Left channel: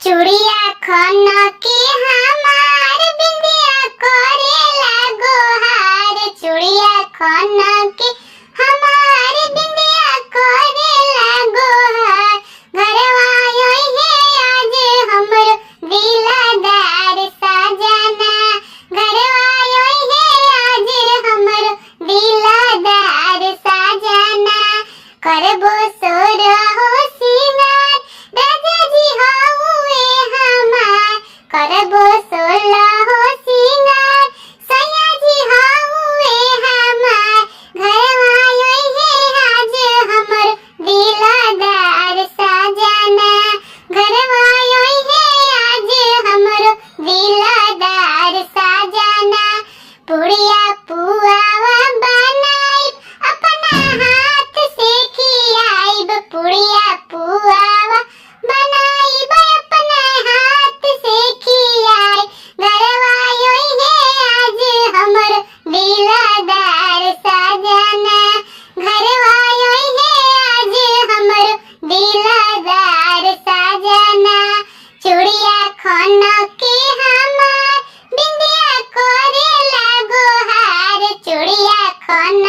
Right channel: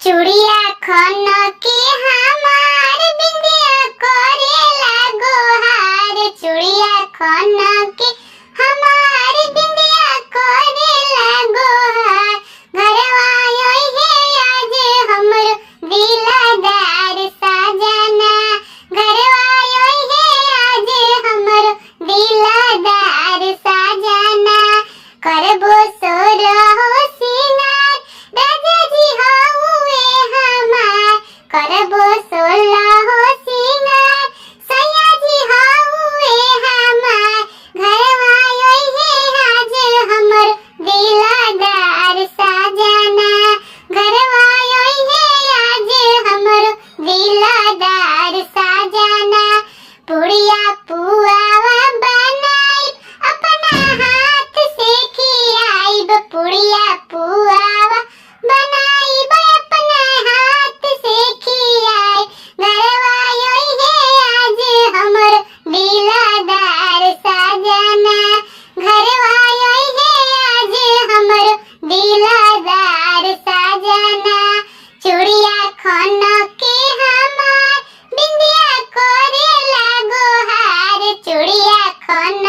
चूड़िया खन के हमार बिंदिया करेला गोहार। चूड़िया खन के हमार बिंदिया करेला गोहार। घरवा आई है आज हमरो दिलदार सजना। घरवा आई है आज हमरो दिलदार सजना। करबो सोरहो सिंगार राजा जी हउए हमार। करबो सोलहो सिंगार सैया जी हउए हमार। घरवा आई है आज हमर दिलदार सजना। घरवा आई है आज हमर दिलदार सजना। पुड़िया पुआवा बनाइब अपना हाथ से खियाइब। पुड़िया पुआवा बनाइब अपना हाथ से खियाइब। घरवा आई है आज हमर दिलदार सजना। घरवा आई है आज हमर दिलदार सजना। चूड़िया खन के हमार बिंदिया करेला गोहार। चूड़िया खन